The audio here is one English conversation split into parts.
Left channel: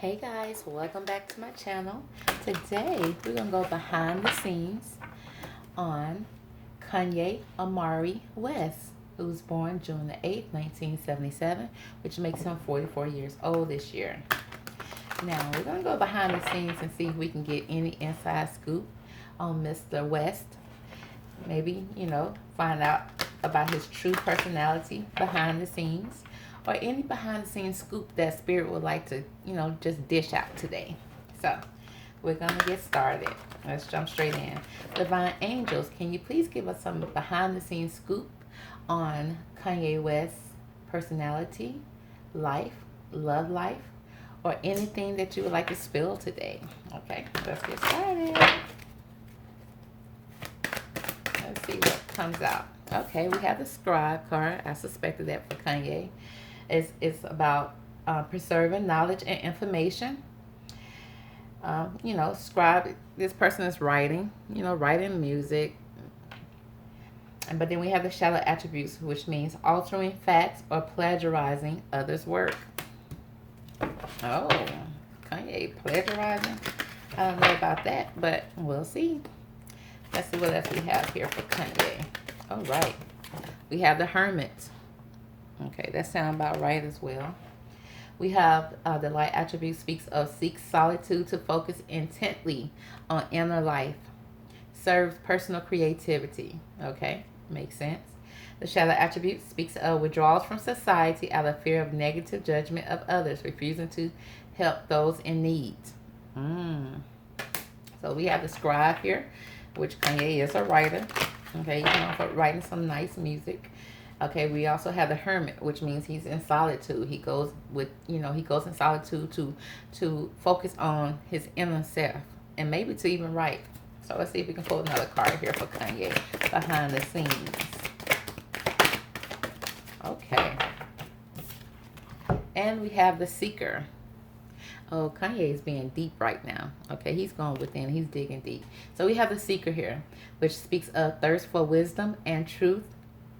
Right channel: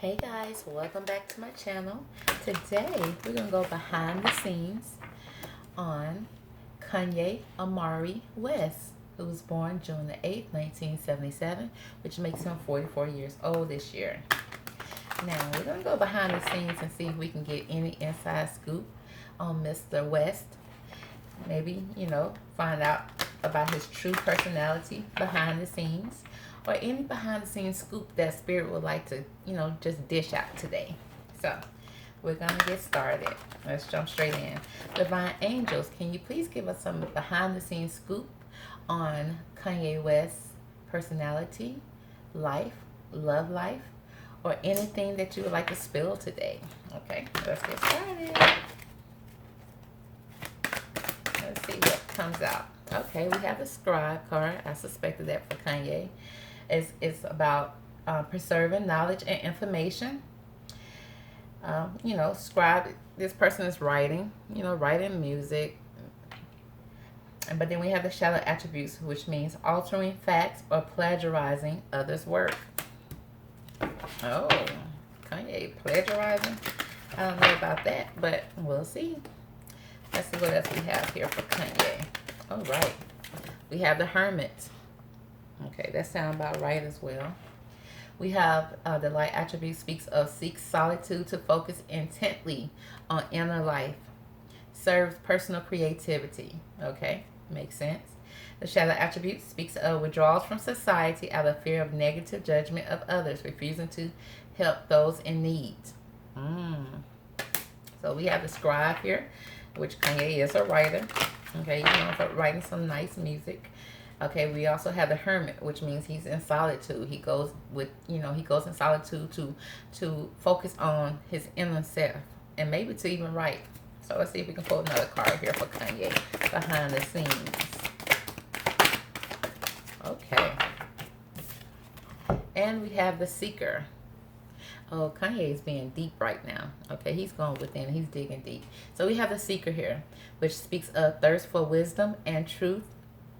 Hey guys, welcome back to my channel. Today we're going to go behind the scenes on Kanye Omari West, who was born June the 8th, 1977, which makes him 44 years old this year. Now we're going to go behind the scenes and see if we can get any inside scoop on Mr. West. Maybe, find out about his true personality behind the scenes, or any behind the scenes scoop that Spirit would like to, just dish out today. So we're going to get started. Let's jump straight in. Divine Angels, can you please give us some behind the scenes scoop on Kanye West's personality, life, love life, or anything that you would like to spill today? Okay, let's get started. Let's see what comes out. Okay, we have the Scribe card. I suspected that for Kanye. It's about preserving knowledge and information. Scribe, this person is writing, writing music. But then we have the shadow attributes, which means altering facts or plagiarizing others' work. Oh, Kanye plagiarizing? I don't know about that, but we'll see. Let's see what else we have here for Kanye. All right. We have the Hermit. Okay, that sounds about right as well. We have the light attribute speaks of seeks solitude to focus intently on inner life. Serves personal creativity. Okay, makes sense. The shadow attribute speaks of withdrawals from society out of fear of negative judgment of others, refusing to help those in need. So we have the Scribe here, which Kanye is a writer. Okay, for writing some nice music. Okay, we also have the Hermit, which means he's in solitude. He goes in solitude to focus on his inner self and maybe to even write. So let's see if we can pull another card here for Kanye behind the scenes. Okay. And we have the Seeker. Oh, Kanye is being deep right now. Okay, he's going within. He's digging deep. So we have the Seeker here, which speaks of thirst for wisdom and truth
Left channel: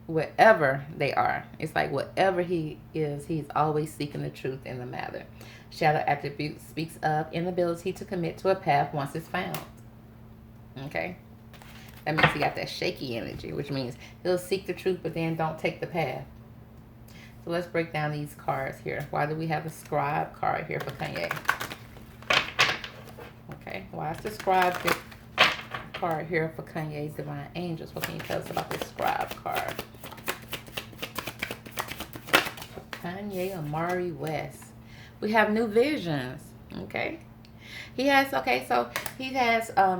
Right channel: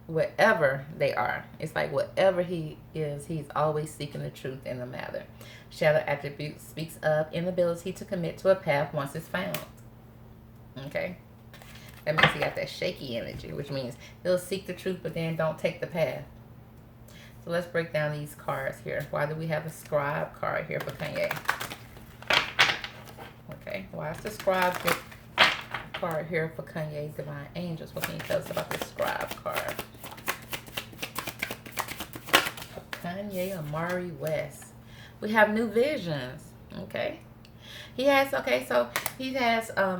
wherever they are. It's like whatever he is, he's always seeking the truth in the matter. Shadow attribute speaks of inability to commit to a path once it's found. Okay? That means he got that shaky energy, which means he'll seek the truth but then don't take the path. So let's break down these cards here. Why do we have the Scribe card here for Kanye? Okay, why is the Scribe card here for Kanye's Divine Angels? What can you tell us about the Scribe card? Kanye Omari West. We have new visions. Okay. He has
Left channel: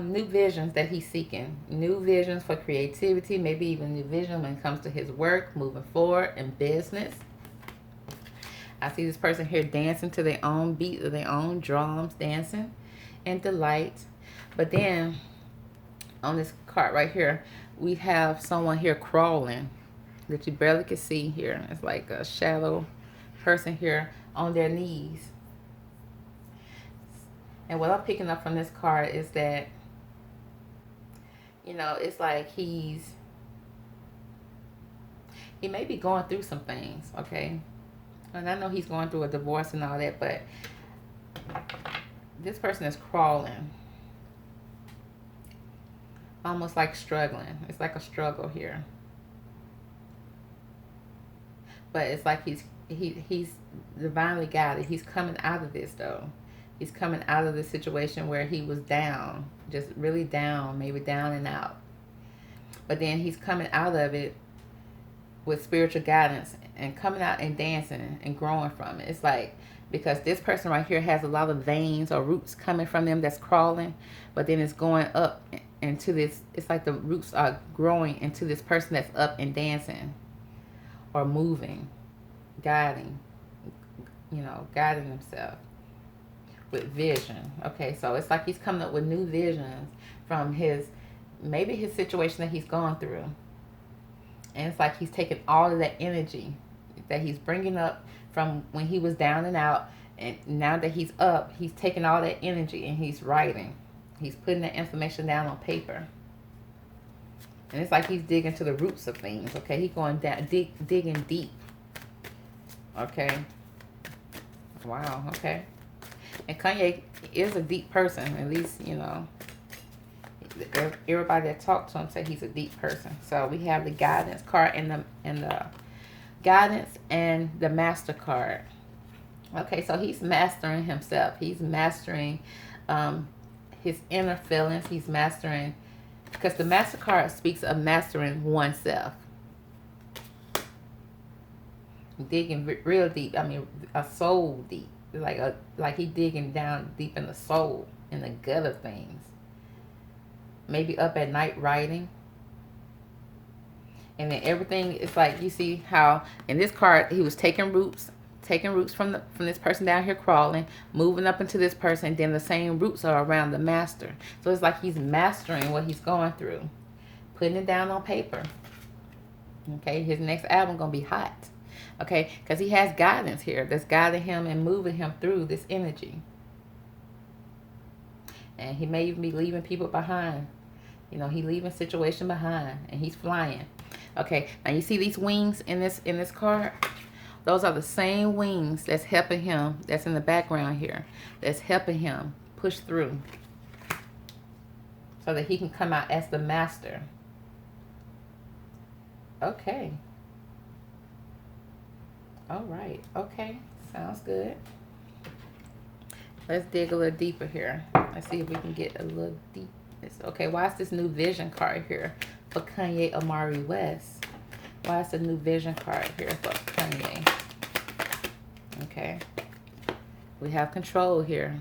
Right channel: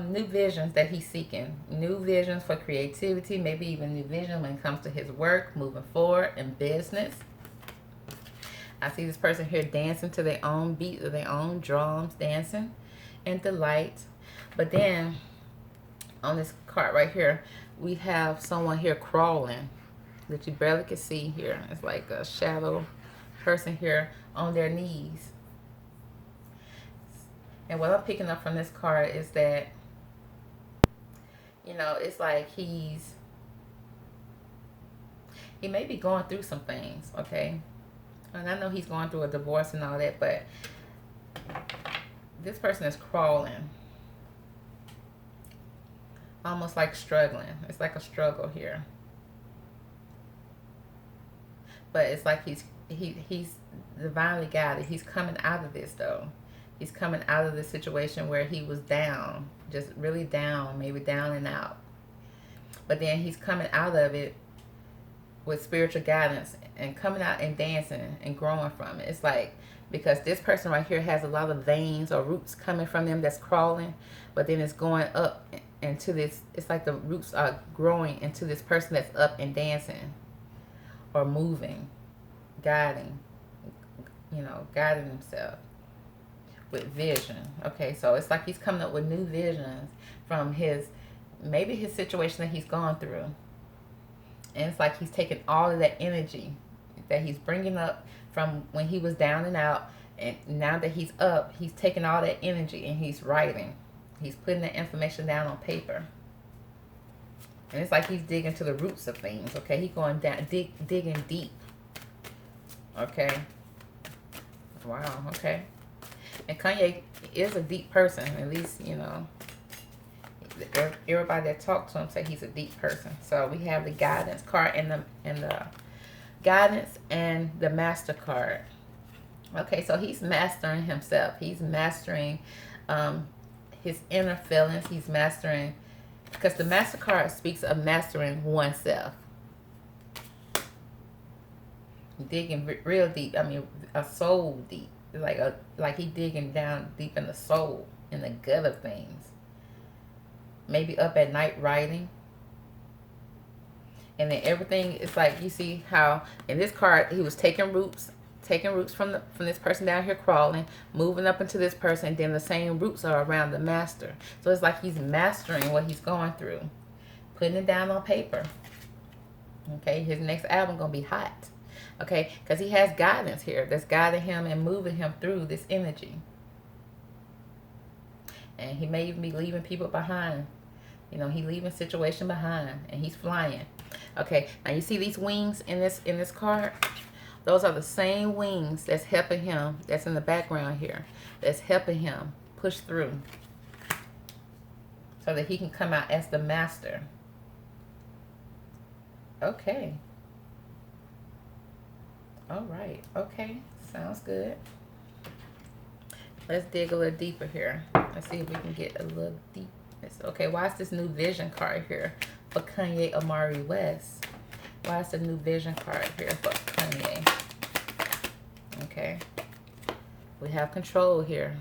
new visions that he's seeking. New visions for creativity, maybe even new vision when it comes to his work, moving forward in business. I see this person here dancing to their own beat or their own drums, dancing and delight. But then on this card right here, we have someone here crawling that you barely can see here. It's like a shadow person here on their knees. And what I'm picking up from this card is that, it's like he may be going through some things, okay? And I know he's going through a divorce and all that, but this person is crawling. Almost like struggling. It's like a struggle here. But it's like he's divinely guided. He's coming out of this though. He's coming out of the situation where he was down, just really down, maybe down and out. But then he's coming out of it with spiritual guidance and coming out and dancing and growing from it. It's like, because this person right here has a lot of veins or roots coming from them that's crawling, but then it's going up into this. It's like the roots are growing into this person that's up and dancing or moving, guiding himself with vision. Okay, so it's like he's coming up with new visions from maybe his situation that he's gone through. And it's like he's taking all of that energy that he's bringing up from when he was down and out, and now that he's up, he's taking all that energy and he's writing. He's putting that information down on paper. And it's like he's digging to the roots of things, okay? He's going down, digging deep. Okay. Wow, okay. And Kanye is a deep person. At least, you know, everybody that talked to him say he's a deep person. So we have the guidance card and the guidance and the master card. Okay, so he's mastering himself. He's mastering his inner feelings. He's mastering, because the master card speaks of mastering oneself. Digging real deep. I mean, a soul deep. Like he digging down deep in the soul, in the gut of things. Maybe up at night writing. And then everything is like, you see how in this card he was taking roots from this person down here crawling, moving up into this person, and then the same roots are around the master. So it's like he's mastering what he's going through, putting it down on paper. Okay, his next album gonna be hot. Okay, because he has guidance here that's guiding him and moving him through this energy. And he may even be leaving people behind. You know, he leaving situation behind, and he's flying. Okay, now you see these wings in this card? Those are the same wings that's helping him, that's in the background here, that's helping him push through so that he can come out as the master. Okay. All right. Okay. Sounds good. Let's dig a little deeper here. Let's see if we can get a little deep. Okay, why is this new vision card here for Kanye Omari West? Why is the new vision card here for Kanye? Okay. We have control here.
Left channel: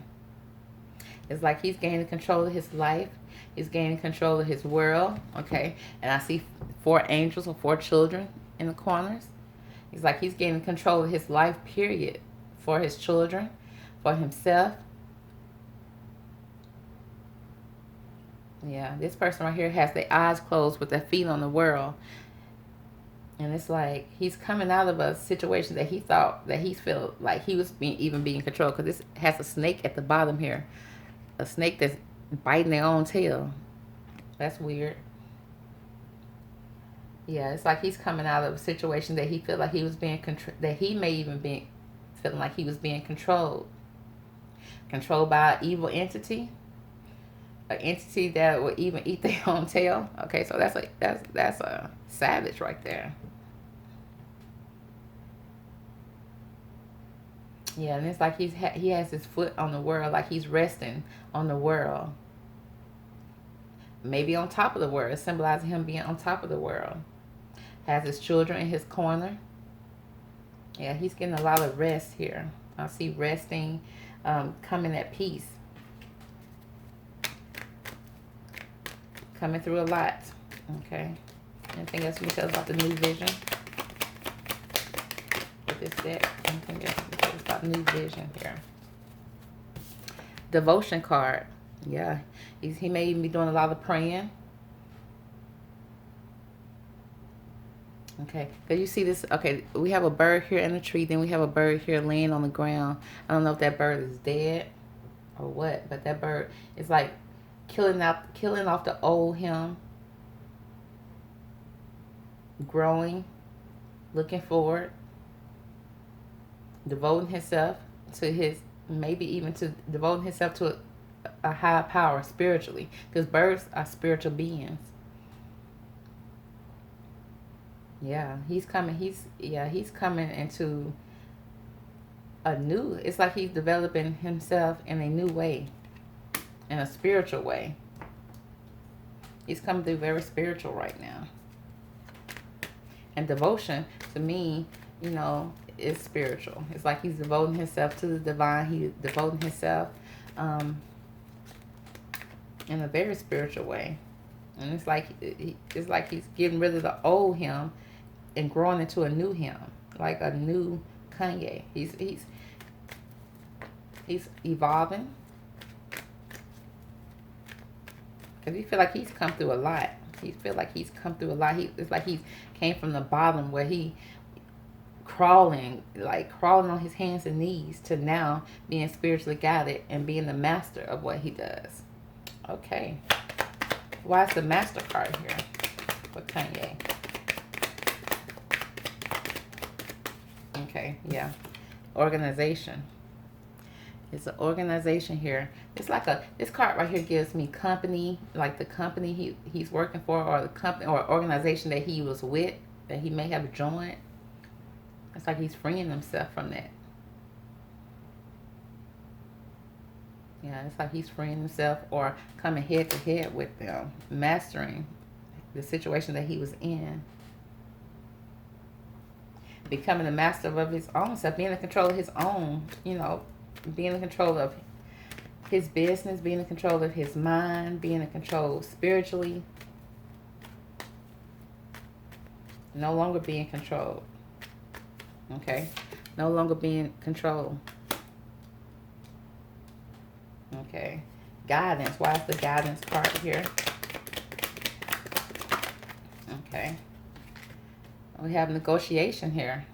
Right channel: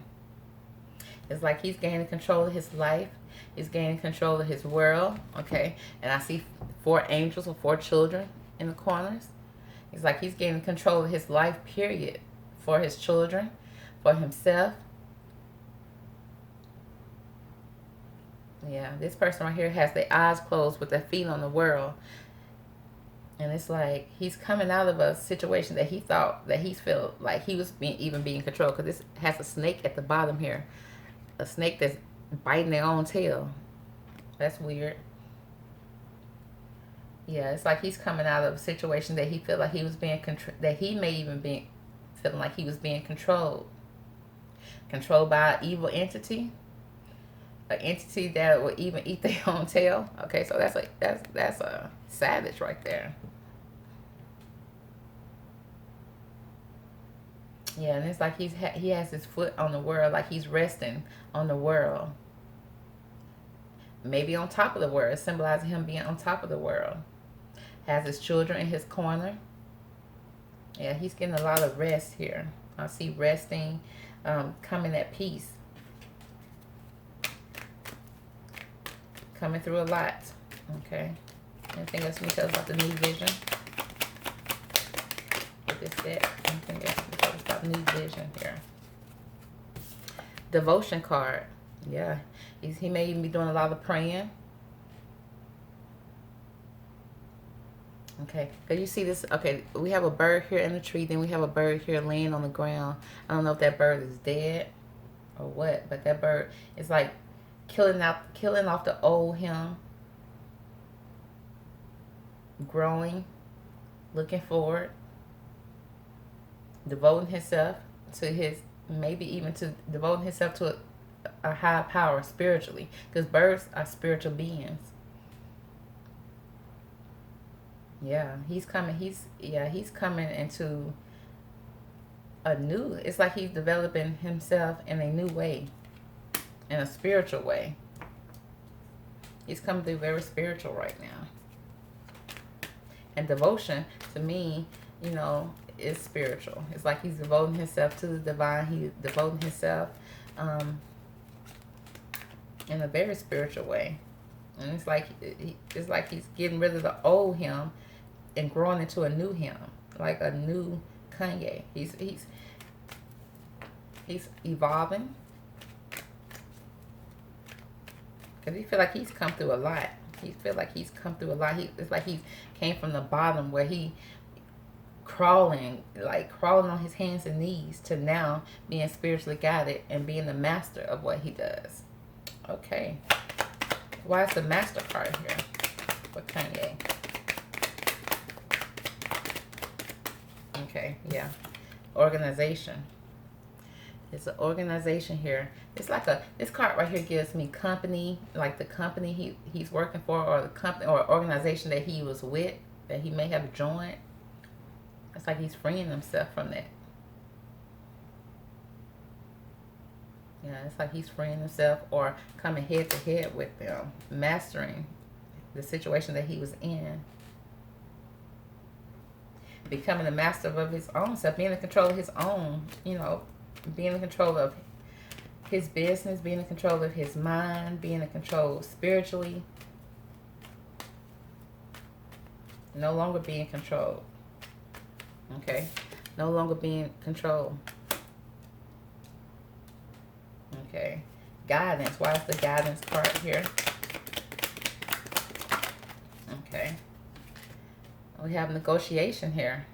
It's like he's gaining control of his life. He's gaining control of his world. Okay. And I see 4 angels or 4 children in the corners. It's like he's gaining control of his life, period. For his children, for himself. Yeah, this person right here has their eyes closed with their feet on the world. And it's like he's coming out of a situation that he thought, that he felt like he was being controlled. Because this has a snake at the bottom here. A snake that's biting their own tail. That's weird. Yeah, it's like he's coming out of a situation that he felt like he was being that he may even be feeling like he was being controlled. Controlled by an evil entity. An entity that would even eat their own tail. Okay, so that's a savage right there. Yeah, and it's like he has his foot on the world, like he's resting on the world. Maybe on top of the world, symbolizing him being on top of the world. Has his children in his corner. Yeah, he's getting a lot of rest here. I see resting, coming at peace. Coming through a lot. Okay. Anything else you can tell us about the new vision? With this deck. Anything else you can tell us about new vision here? Devotion card. Yeah. He may even be doing a lot of praying. Okay. Because you see this. Okay. We have a bird here in the tree. Then we have a bird here laying on the ground. I don't know if that bird is dead or what. But that bird is like killing off the old him, growing, looking forward, devoting himself to his, maybe even to devoting himself to a higher power spiritually, because birds are spiritual beings. Yeah, he's coming into a new, it's like he's developing himself in a new way. In a spiritual way. He's coming through very spiritual right now. And devotion, to me, you know, is spiritual. It's like he's devoting himself to the divine. He's devoting himself in a very spiritual way. And it's like he's getting rid of the old him and growing into a new him. Like a new Kanye. He's evolving. Because he feel like he's come through a lot. It's like he came from the bottom where he crawling on his hands and knees to now being spiritually guided and being the master of what he does. Okay. Why is the master card here for Kanye? Okay, yeah. Organization. It's an organization here. It's like this card right here gives me company, like the company he's working for, or the company or organization that he was with, that he may have joined. It's like he's freeing himself from that. Yeah, it's like he's freeing himself or coming head to head with them, mastering the situation that he was in. Becoming the master of his own self, being in control of his own, being in control of his business, being in control of his mind, being in control spiritually. No longer being controlled. Okay? No longer being controlled. Okay. Guidance. Why is the guidance card here? Okay. We have negotiation here.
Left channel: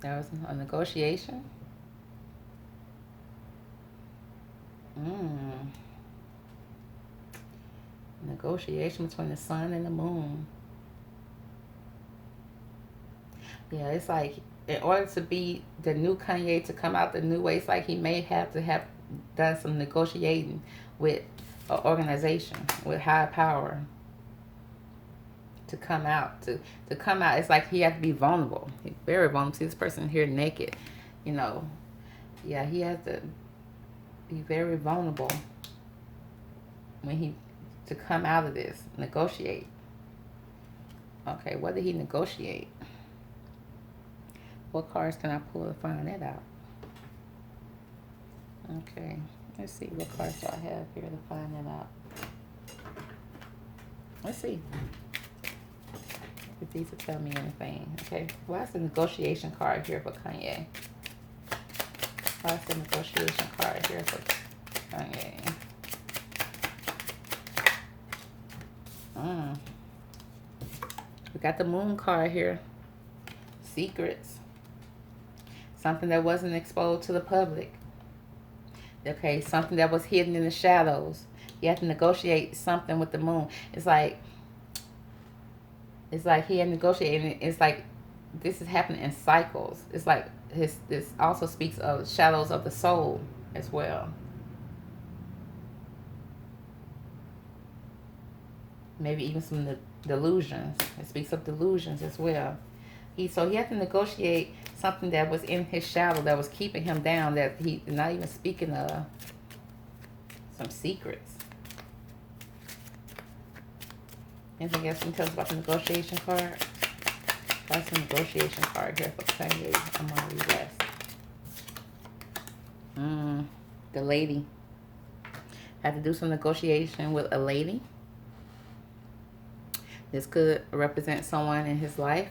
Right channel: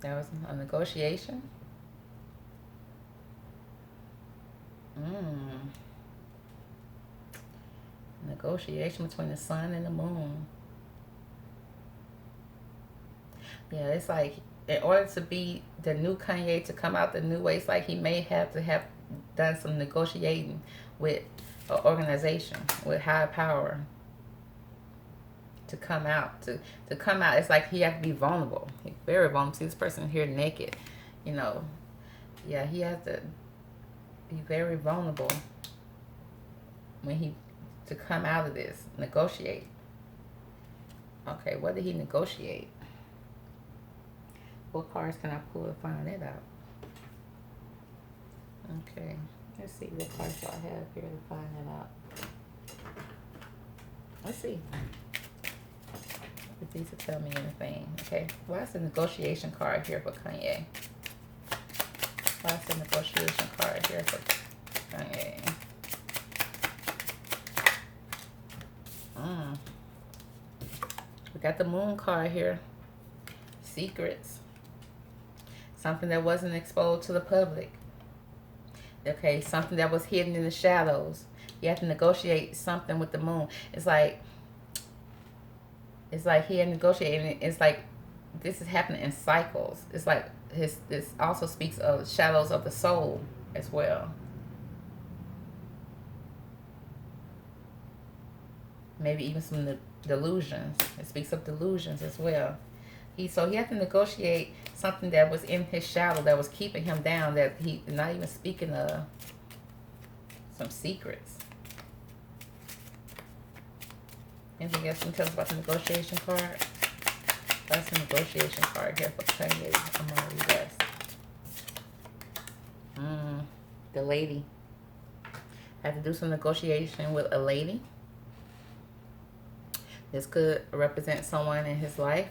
There was a negotiation. Negotiation between the sun and the moon. Yeah, it's like in order to be the new Kanye, to come out the new way, it's like he may have to have done some negotiating with an organization, with high power, to come out. To come out, it's like he has to be vulnerable. He's very vulnerable. See this person here naked, Yeah, he has to be very vulnerable to come out of this. Negotiate. Okay, what did he negotiate? What cards can I pull to find that out? Okay, let's see what cards do I have here to find that out. Let's see if these will tell me anything. Okay, why is the negotiation card here for Kanye? Why is the negotiation card here for Kanye? We got the moon card here. Secrets. Something that wasn't exposed to the public. Okay, something that was hidden in the shadows. You have to negotiate something with the moon. It's like he had negotiated. It's like this is happening in cycles. It's like this also speaks of shadows of the soul as well. Maybe even some delusions. It speaks of delusions as well. So he had to negotiate something that was in his shadow, that was keeping him down, that he not even speaking of some secrets. Anything else you can tell us about the negotiation card? That's the negotiation card here for Kanye Omari West. The lady. Had to do some negotiation with a lady. This could represent someone in his life,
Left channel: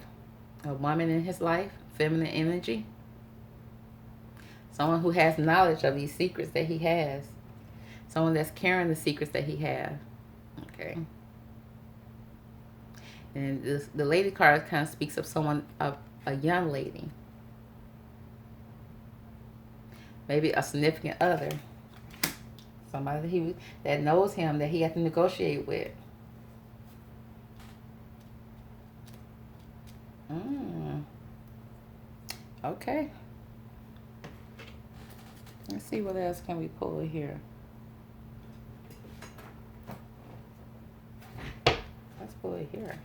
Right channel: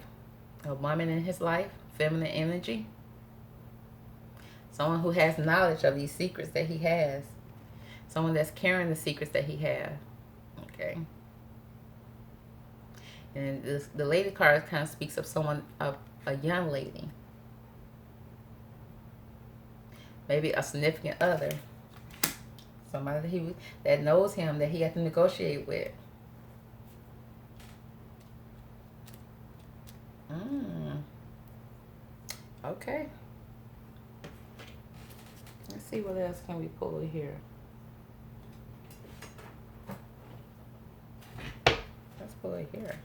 a woman in his life, feminine energy. Someone who has knowledge of these secrets that he has. Someone that's carrying the secrets that he has. Okay. And the lady card kind of speaks of someone, of a young lady. Maybe a significant other. Somebody that knows him, that he has to negotiate with. Okay. Let's see what else can we pull here. Let's pull it here.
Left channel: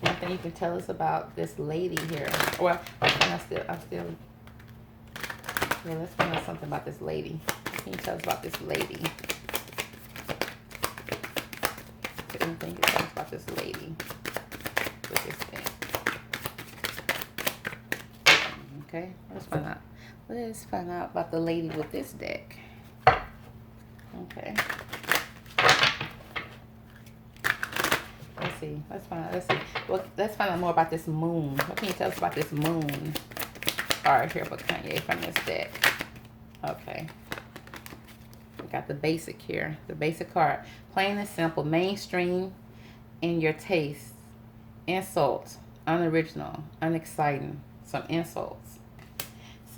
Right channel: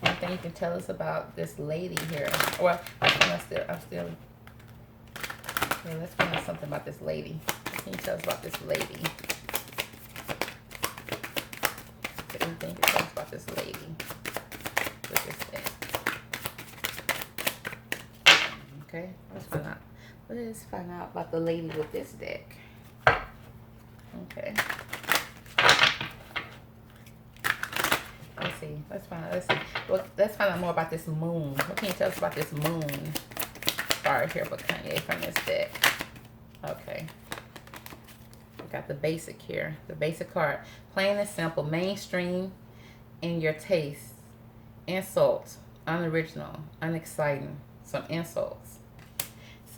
One thing you can tell us about this lady here. Well, I'm still. Yeah, let's find out something about this lady. What can you tell us about this lady? Anything you can tell us about this lady? With this thing. Okay, let's find out about the lady with this deck. Okay. Let's see. Let's find out more about this moon. What can you tell us about this moon card here for Kanye from this deck? Okay. We got the basic here. The basic card. Plain and simple. Mainstream in your taste. Insults. Unoriginal. Unexciting. Some insults.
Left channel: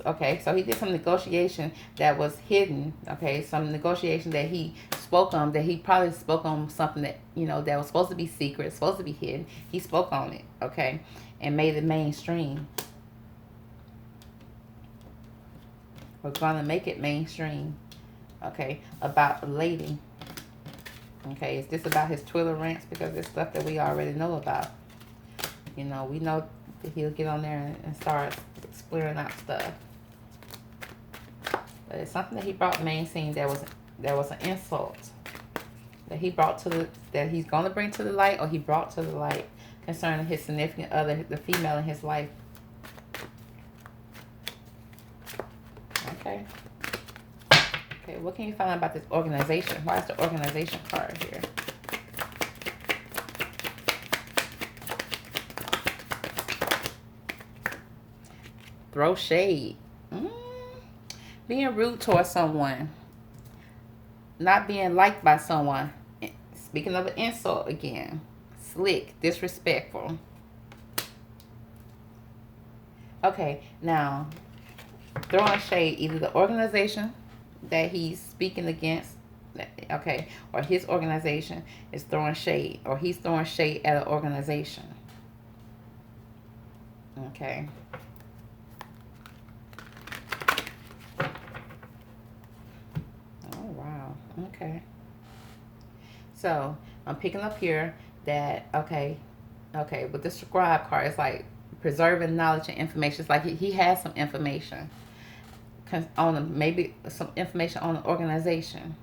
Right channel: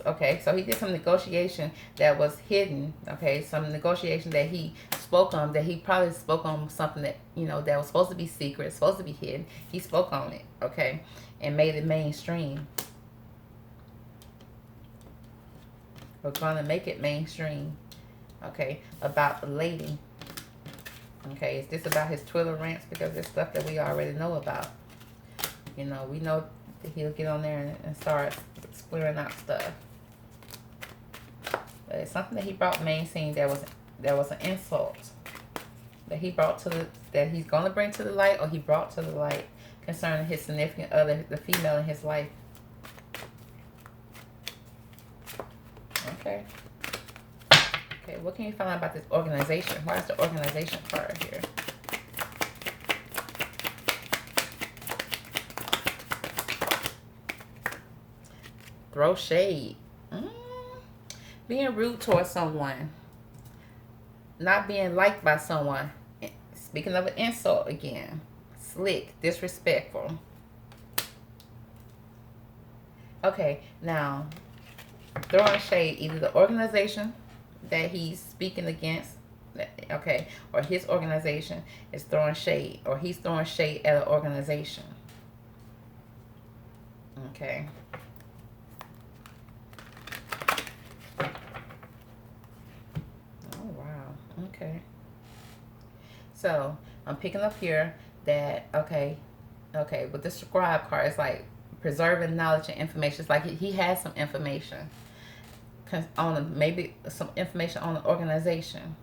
Okay, so he did some negotiation that was hidden. Okay, some negotiation that he spoke on, that he probably spoke on something that, that was supposed to be secret, supposed to be hidden. He spoke on it, okay, and made it mainstream. or going to make it mainstream, okay, about a lady. Okay, is this about his Twitter rants? Because it's stuff that we already know about. You know, we know that he'll get on there and start squaring out stuff. But it's something that he brought mainstream. There was an insult that he brought to the, that he's going to bring to the light, or he brought to the light, concerning his significant other, the female in his life. Okay. Okay, what can you find out about this organization? Why is the organization card here? Throw shade. Being rude towards someone. Not being liked by someone. Speaking of an insult again. Slick. Disrespectful. Okay, now, throwing shade. Either the organization that he's speaking against, okay, or his organization is throwing shade, or he's throwing shade at an organization. Okay. Oh, wow. Okay. So, I'm picking up here that, okay, with the scribe card, it's like preserving knowledge and information. It's like he has some information on maybe some information on the organization.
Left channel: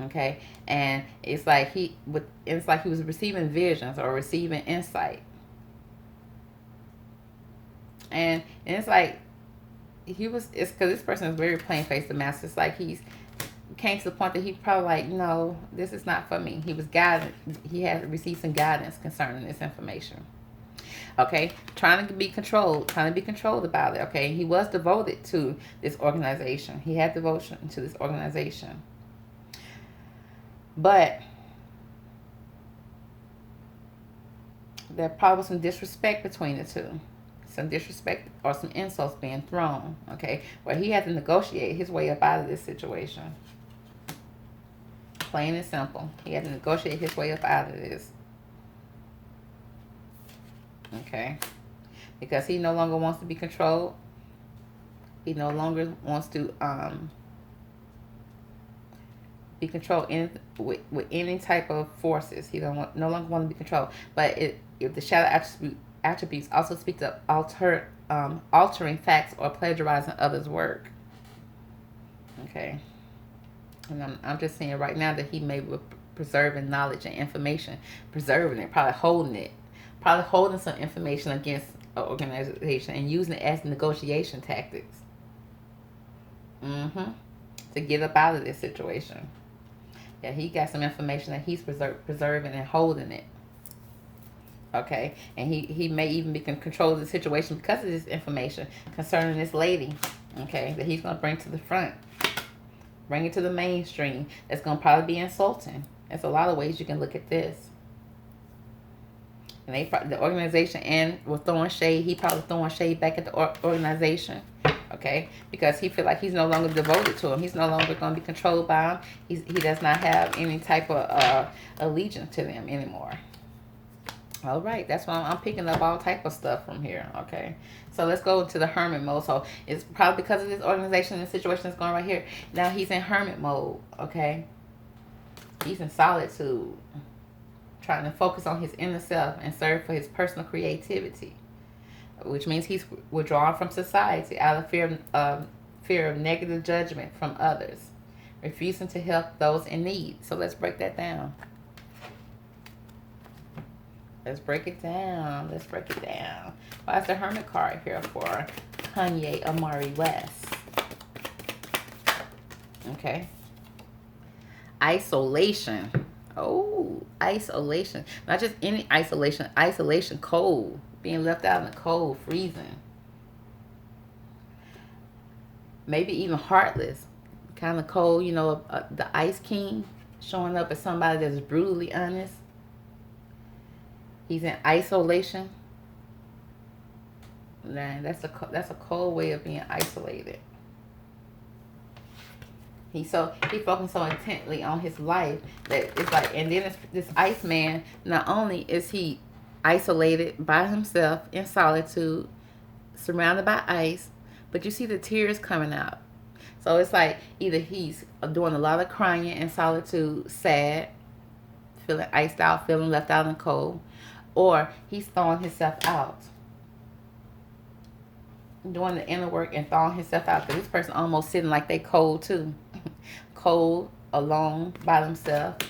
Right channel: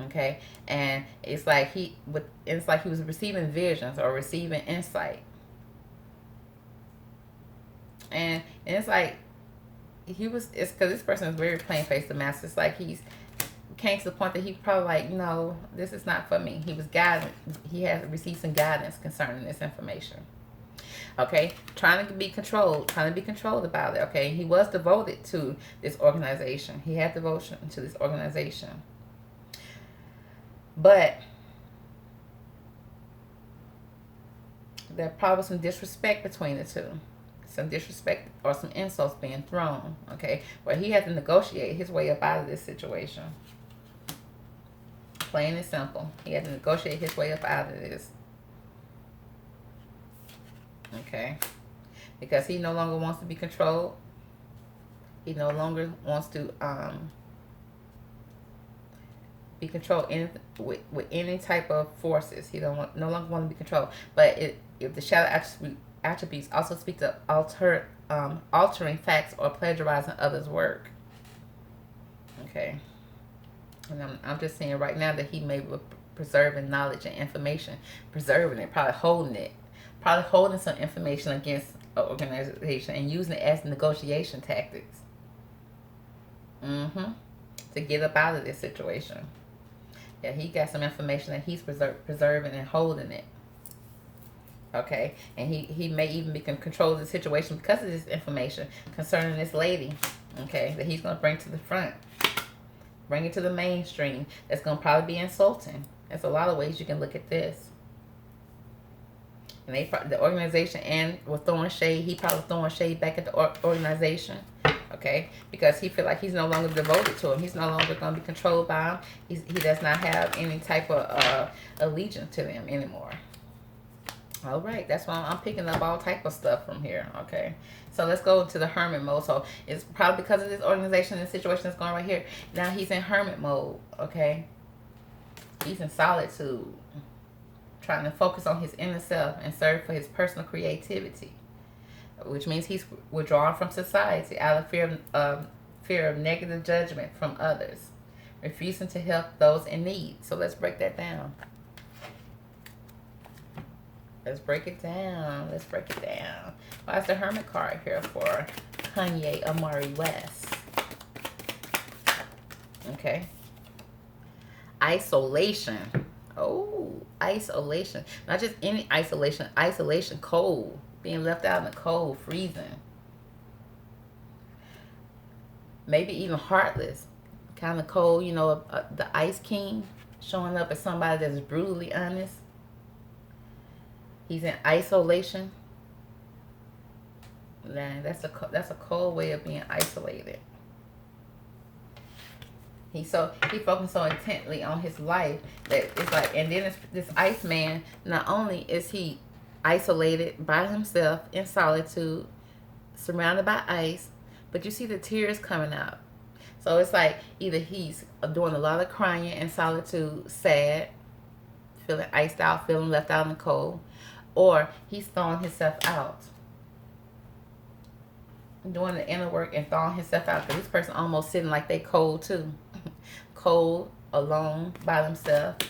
Okay, and it's like he was receiving visions or receiving insight, and it's like it's because this person is very plain faced the master. It's like he's came to the point that he probably like, no, this is not for me. He was guided. He had received some guidance concerning this information. Okay, trying to be controlled about it. Okay, he was devoted to this organization. He had devotion to this organization. But there probably was some disrespect between the two. Some disrespect or some insults being thrown. Okay, where he had to negotiate his way up out of this situation. Plain and simple. He had to negotiate his way up out of this. Okay. Because he no longer wants to be controlled. He no longer wants to be controlled with any type of forces. He no longer want to be controlled. But if the shadow attributes also speak to altering facts or plagiarizing others' work. Okay. And I'm just saying right now that he may be preserving knowledge and information, preserving it, probably holding some information against an organization and using it as negotiation tactics. To get up out of this situation. Yeah, he got some information that he's preserving and holding it. Okay, and he may even be control of the situation because of this information concerning this lady. Okay, that he's gonna bring to the front. Bring it to the mainstream. That's going to probably be insulting. There's a lot of ways you can look at this. And the organization and was throwing shade. He probably throwing shade back at the organization. Okay? Because he feel like he's no longer devoted to him. He's no longer going to be controlled by him. He does not have any type of allegiance to them anymore. All right. That's why I'm picking up all type of stuff from here. Okay? So let's go to the hermit mode. So it's probably because of this organization and situation that's going right here. Now he's in hermit mode, okay? He's in solitude, trying to focus on his inner self and serve for his personal creativity, which means he's withdrawn from society out of fear of negative judgment from others, refusing to help those in need. So let's break that down. Let's break it down. Why is the hermit card here for Kanye Omari West? Okay. Isolation. Oh, isolation. Not just any isolation. Isolation, cold. Being left out in the cold, freezing. Maybe even heartless. Kind of cold, you know, the Ice King showing up as somebody that's brutally honest. He's in isolation. Man, that's a cold way of being isolated. He focused so intently on his life that it's like, and then this Iceman, not only is he isolated by himself in solitude, surrounded by ice, but you see the tears coming out. So it's like either he's doing a lot of crying in solitude, sad, feeling iced out, feeling left out in the cold, or he's thawing himself out, doing the inner work and thawing himself out. Because this person almost sitting like they cold too, cold, alone, by themselves.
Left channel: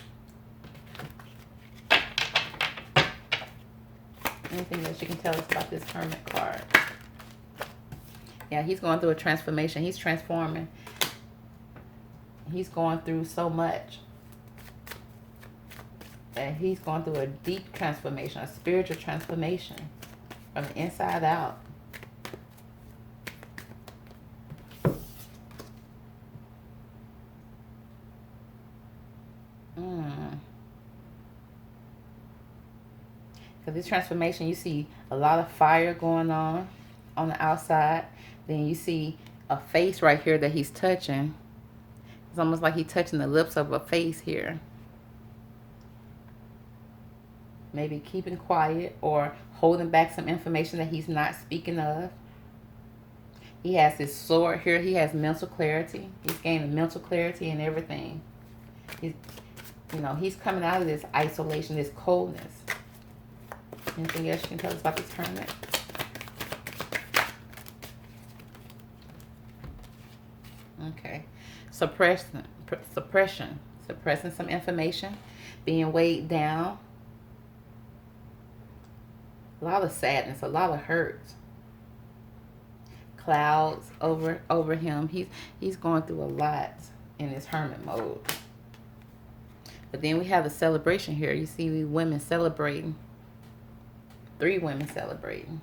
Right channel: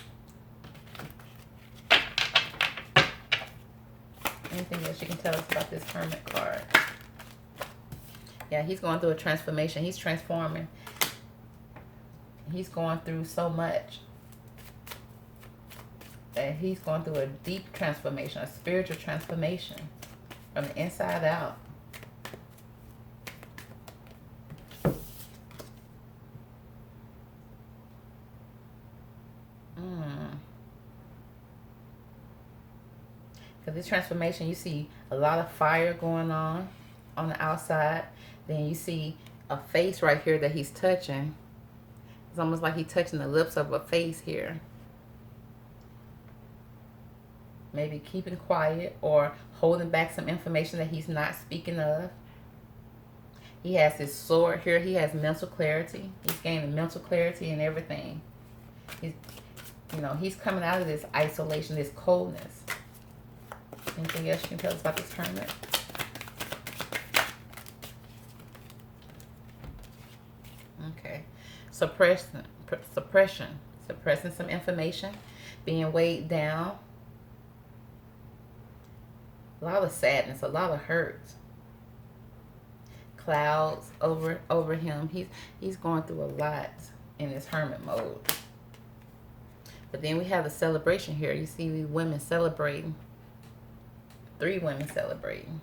Anything that you can tell us about this Hermit card? Yeah, he's going through a transformation. He's transforming. He's going through so much. And he's going through a deep transformation, a spiritual transformation from the inside out. So this transformation, you see a lot of fire going on the outside. Then you see a face right here that he's touching. It's almost like he's touching the lips of a face here. Maybe keeping quiet or holding back some information that he's not speaking of. He has his sword here. He has mental clarity. He's gaining mental clarity and everything. He's, you know, he's coming out of this isolation, this coldness. Anything else you can tell us about this Hermit? Okay. Suppression. Suppressing some information. Being weighed down. A lot of sadness. A lot of hurt. Clouds over him. He's going through a lot in this hermit mode. But then we have the celebration here. You see women celebrating. 3 women celebrating.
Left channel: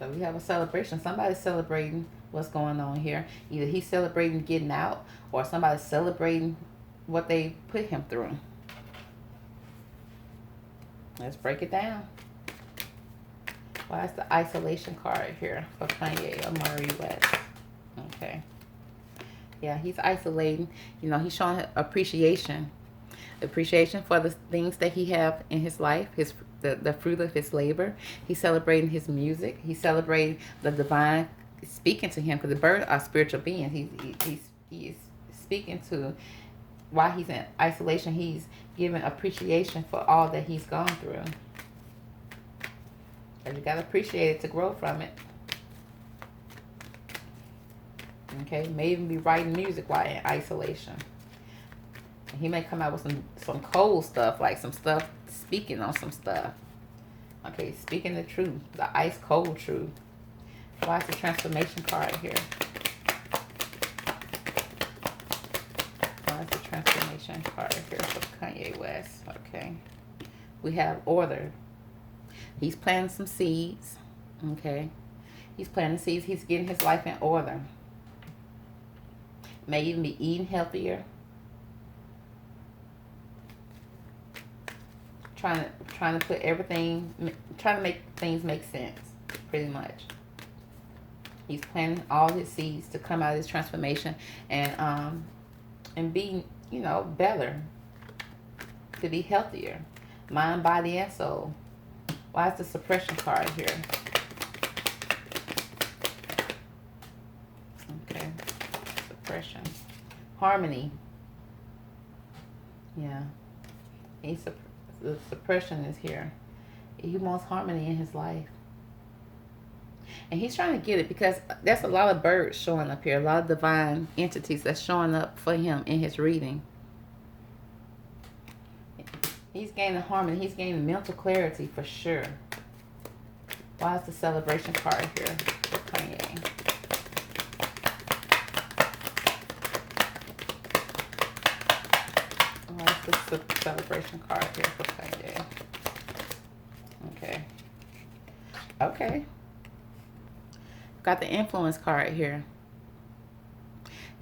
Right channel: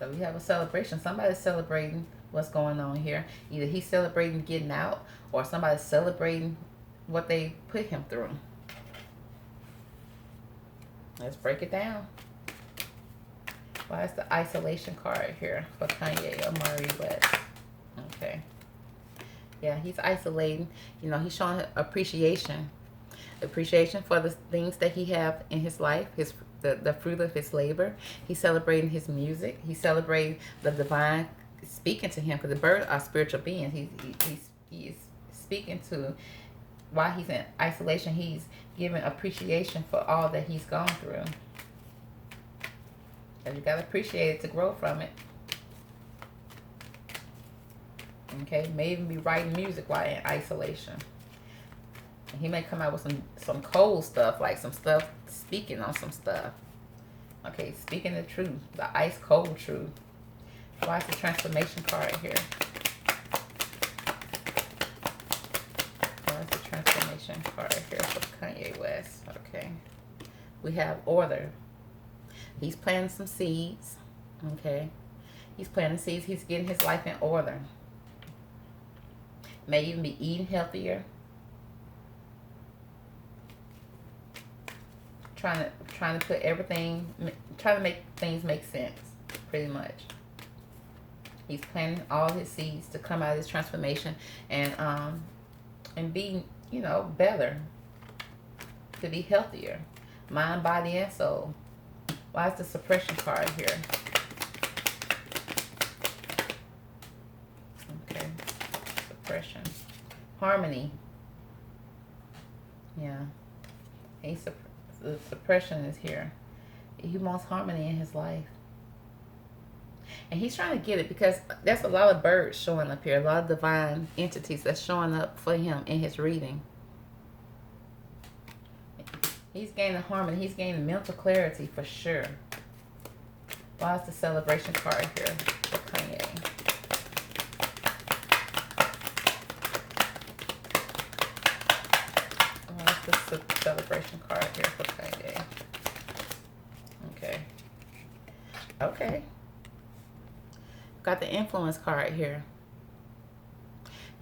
So we have a celebration. Somebody's celebrating what's going on here. Either he's celebrating getting out, or somebody's celebrating what they put him through. Let's break it down. Why is the isolation card here for Kanye Omari West? Okay. Yeah, he's isolating. You know, he's showing appreciation. Appreciation for the things that he have in his life, the fruit of his labor. He's celebrating his music. He's celebrating the divine speaking to him, because the birds are spiritual beings. He is speaking to, while he's in isolation, he's giving appreciation for all that he's gone through. And you got to appreciate it to grow from it. Okay, may even be writing music while in isolation. And he may come out with some cold stuff, like some stuff, speaking on some stuff. Okay, speaking the truth, the ice cold truth. Why is the transformation card here? Why is the transformation card here for Kanye West? Okay, we have order. He's planting some seeds. Okay, he's planting seeds. He's getting his life in order. May even be eating healthier. Trying to put everything, trying to make things make sense, pretty much. He's planting all his seeds to come out of this transformation and be, you know, better, to be healthier, mind, body, and soul. Why is the suppression card here? Okay, suppression, harmony. Yeah, the suppression is here. He wants harmony in his life. And he's trying to get it, because there's a lot of birds showing up here. A lot of divine entities that's showing up for him in his reading. He's gaining harmony. He's gaining mental clarity for sure. Why is the celebration card here for Kanye? Why is the celebration card here for Kanye? Okay. Okay. Got the influence card here.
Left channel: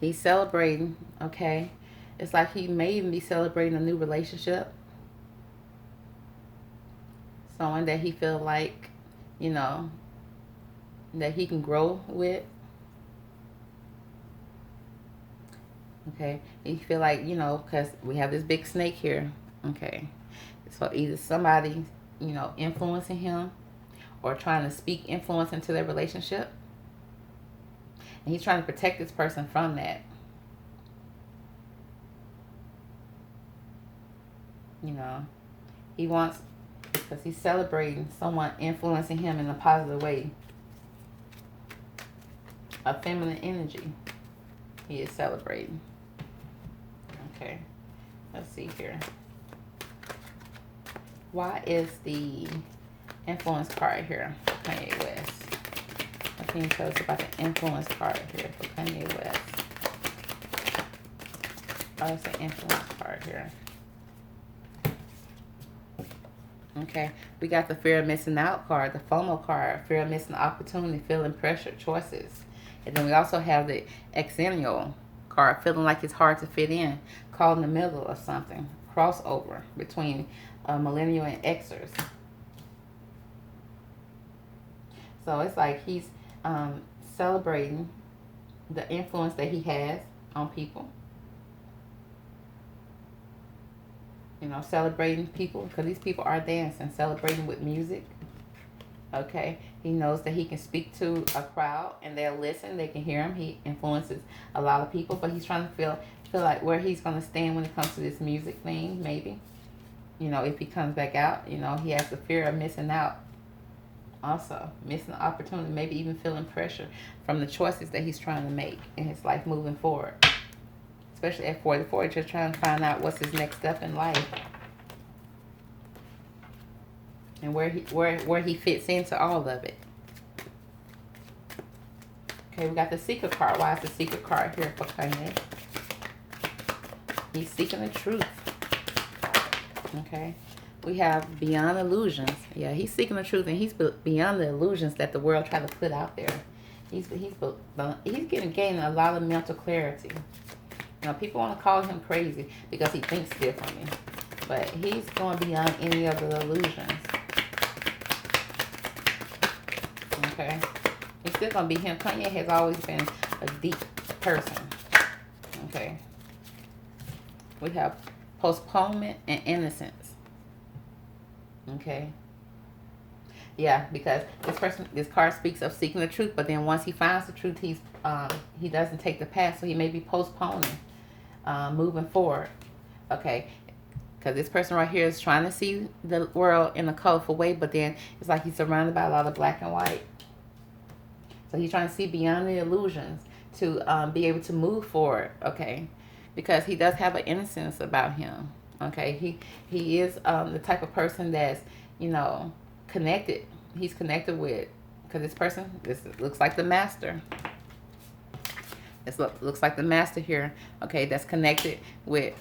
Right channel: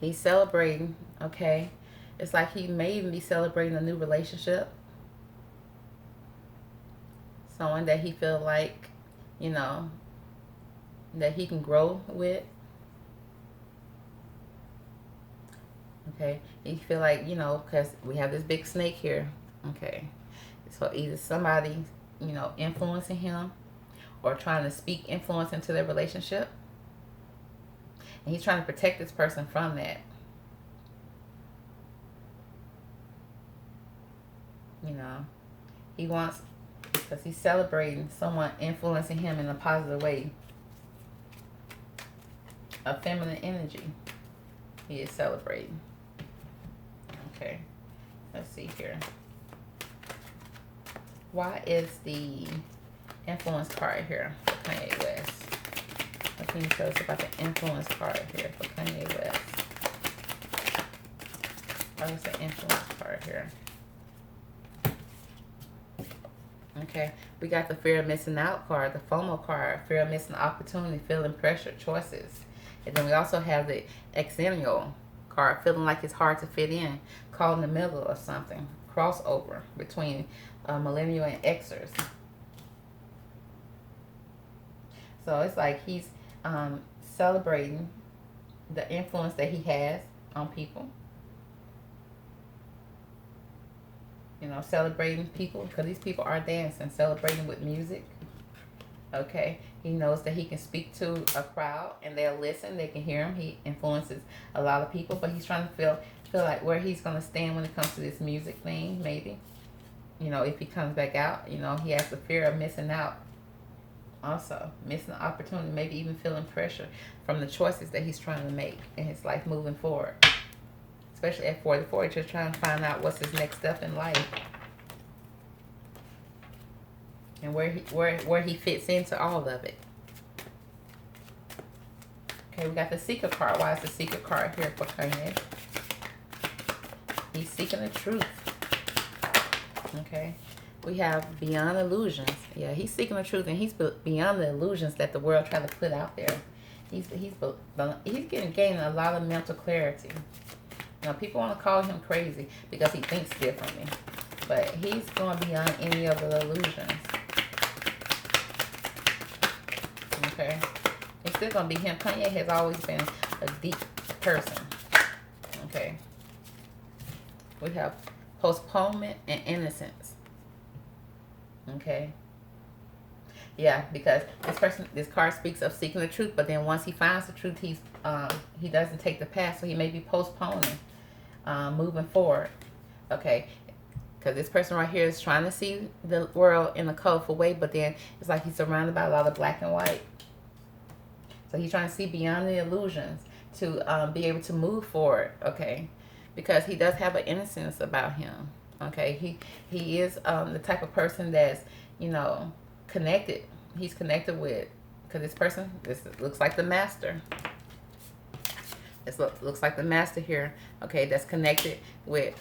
He's celebrating, okay? It's like he may even be celebrating a new relationship. Someone that he feel like, you know, that he can grow with. Okay, you feel like, you know, because we have this big snake here. Okay, so either somebody, you know, influencing him, or trying to speak influence into their relationship. And he's trying to protect this person from that. You know, he wants, because he's celebrating someone influencing him in a positive way. A feminine energy he is celebrating. Okay, let's see here. Why is the influence card here for Kanye West? What can you tell us about the influence card here for Kanye West? Why is the influence card here? Okay, we got the fear of missing out card, the FOMO card, fear of missing opportunity, feeling pressure, choices. And then we also have the exennial card, feeling like it's hard to fit in, caught in the middle of something, crossover between millennial and Xers. So it's like he's celebrating the influence that he has on people. You know, celebrating people, because these people are dancing, celebrating with music. Okay, he knows that he can speak to a crowd and they'll listen, they can hear him. He influences a lot of people, but he's trying to feel like where he's going to stand when it comes to this music thing, maybe. You know, if he comes back out, you know, he has the fear of missing out. Also, missing the opportunity, maybe even feeling pressure from the choices that he's trying to make in his life moving forward. Especially at 44, just trying to find out what's his next step in life. And where he fits into all of it. Okay, we got the Seeker card. Why is the Seeker card here for Kanye? He's seeking the truth. Okay, we have beyond illusions. Yeah, he's seeking the truth, and he's beyond the illusions that the world tried to put out there. He's gaining a lot of mental clarity. You know, people want to call him crazy because he thinks differently, but he's going beyond any of the illusions. Okay, it's still going to be him. Kanye has always been a deep person. Okay, we have postponement and innocence. Okay, yeah, because this card speaks of seeking the truth, but then once he finds the truth, he doesn't take the past, so he may be postponing moving forward. Okay, because this person right here is trying to see the world in a colorful way, but then it's like he's surrounded by a lot of black and white. So he's trying to see beyond the illusions to be able to move forward. Okay, because he does have an innocence about him. Okay, he is the type of person that's, you know, connected. He's connected with, because this looks like the master. This looks like the master here. Okay, that's connected with.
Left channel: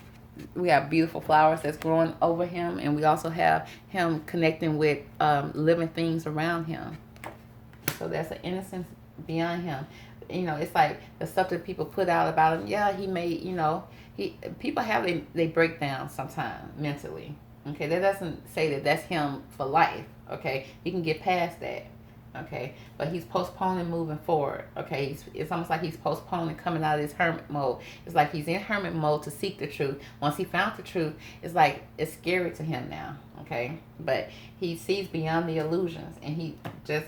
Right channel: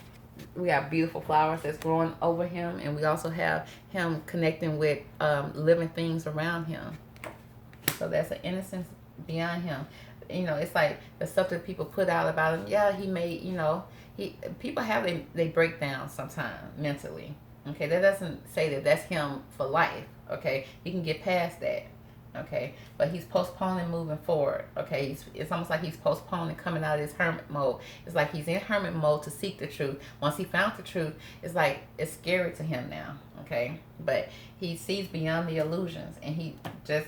We have beautiful flowers that's growing over him, and we also have him connecting with living things around him. So that's an innocence beyond him. You know, it's like the stuff that people put out about him. Yeah, he may, you know, people have they breakdown sometimes mentally. Okay, that doesn't say that that's him for life. Okay, he can get past that. Okay, but he's postponing moving forward. Okay, it's almost like he's postponing coming out of his hermit mode. It's like he's in hermit mode to seek the truth. Once he found the truth, it's like it's scary to him now. Okay, but he sees beyond the illusions, and he just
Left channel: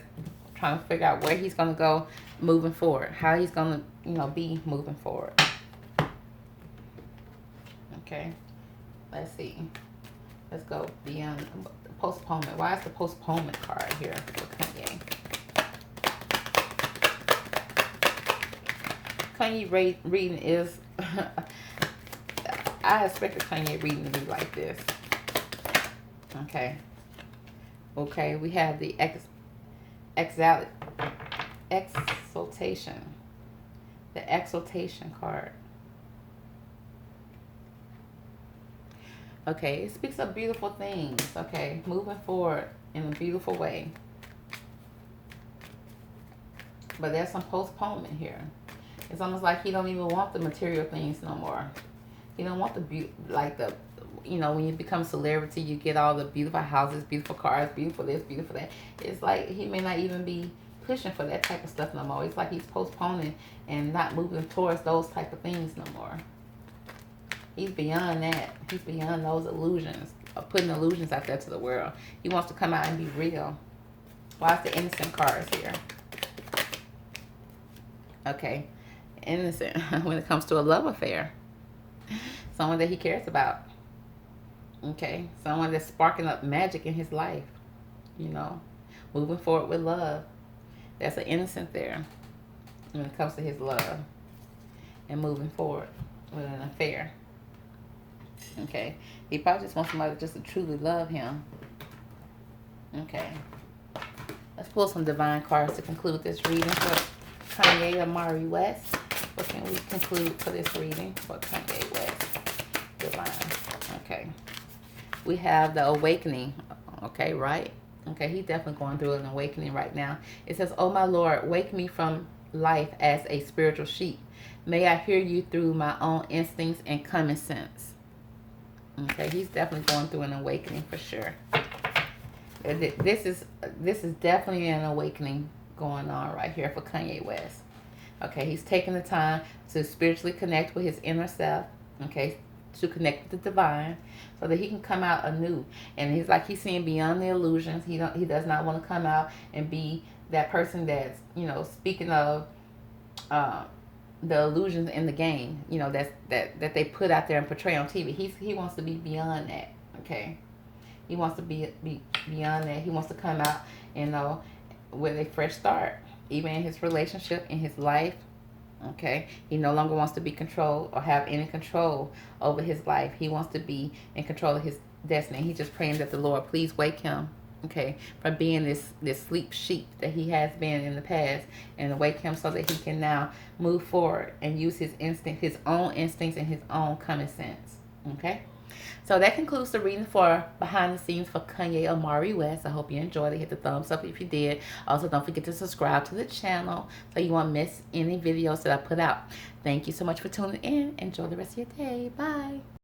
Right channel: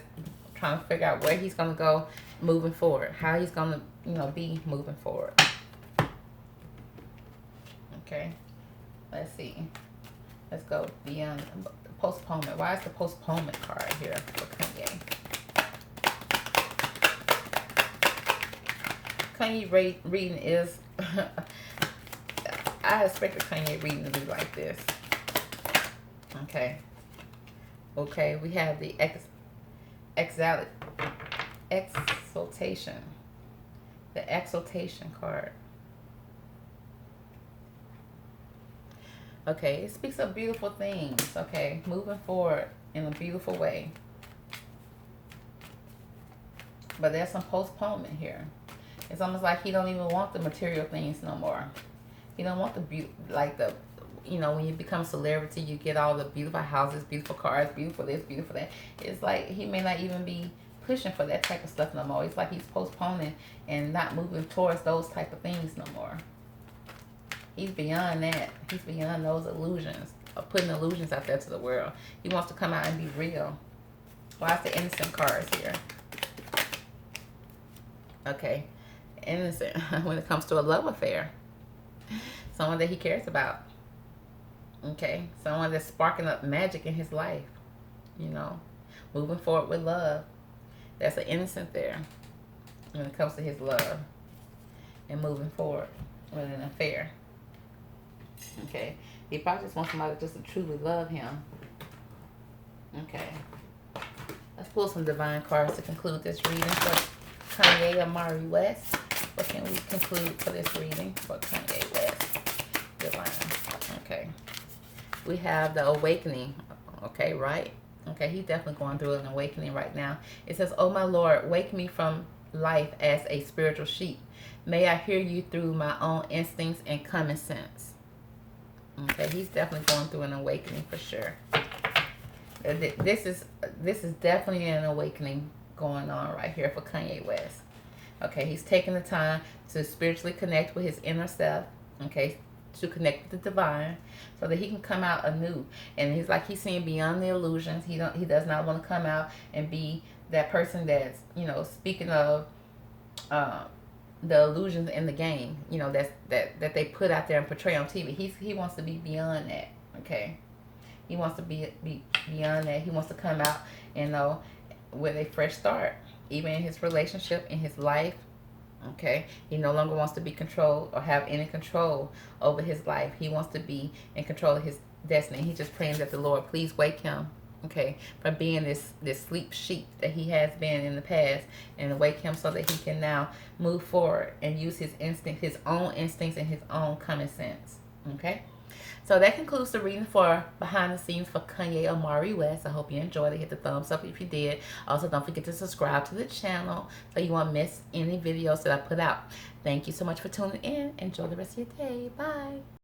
trying to figure out where he's going to go moving forward, how he's going to, you know, be moving forward. Okay, let's see. Let's go beyond postponement. Why is the postponement card here for Kanye? Kanye reading is, I expected Kanye reading to be like this. Okay. Okay, we have the exaltation. The exaltation card. Okay, it speaks of beautiful things. Okay, moving forward in a beautiful way. But there's some postponement here. It's almost like he don't even want the material things no more. He don't want you know, when you become a celebrity, you get all the beautiful houses, beautiful cars, beautiful this, beautiful that. It's like he may not even be pushing for that type of stuff no more. It's like he's postponing and not moving towards those type of things no more. He's beyond that. He's beyond those illusions, of putting illusions out there to the world. He wants to come out and be real. Why is the innocent cards here? Okay. Innocent when it comes to a love affair. Someone that he cares about. Okay. Someone that's sparking up magic in his life. You know. Moving forward with love. That's an innocent there when it comes to his love. And moving forward with an affair. Okay. He probably just wants somebody just to truly love him. Okay. Let's pull some divine cards to conclude this reading for Kanye Omari West. What can we conclude for this reading for Kanye West? Divine. Okay. We have the awakening. Okay, right? Okay, he's definitely going through an awakening right now. It says, "Oh my Lord, wake me from life as a spiritual sheep. May I hear you through my own instincts and common sense." Okay, he's definitely going through an awakening for sure. This is definitely an awakening going on right here for Kanye West. Okay, he's taking the time to spiritually connect with his inner self. Okay, to connect with the divine, so that he can come out anew. And he's like he's seeing beyond the illusions. He does not want to come out and be that person that's, you know, speaking of the illusions in the game. You know, that they put out there and portray on TV. He wants to be beyond that. Okay. He wants to be beyond that. He wants to come out, you know, with a fresh start, even in his relationship, in his life. Okay, he no longer wants to be controlled or have any control over his life. He wants to be in control of his destiny. He's just praying that the Lord please wake him, okay, from being this sleep sheep that he has been in the past, and wake him so that he can now move forward and use his own instincts and his own common sense. Okay. So that concludes the reading for Behind the Scenes for Kanye Omari West. I hope you enjoyed it. Hit the thumbs up if you did. Also, don't forget to subscribe to the channel so you won't miss any videos that I put out. Thank you so much for tuning in. Enjoy the rest of your day. Bye.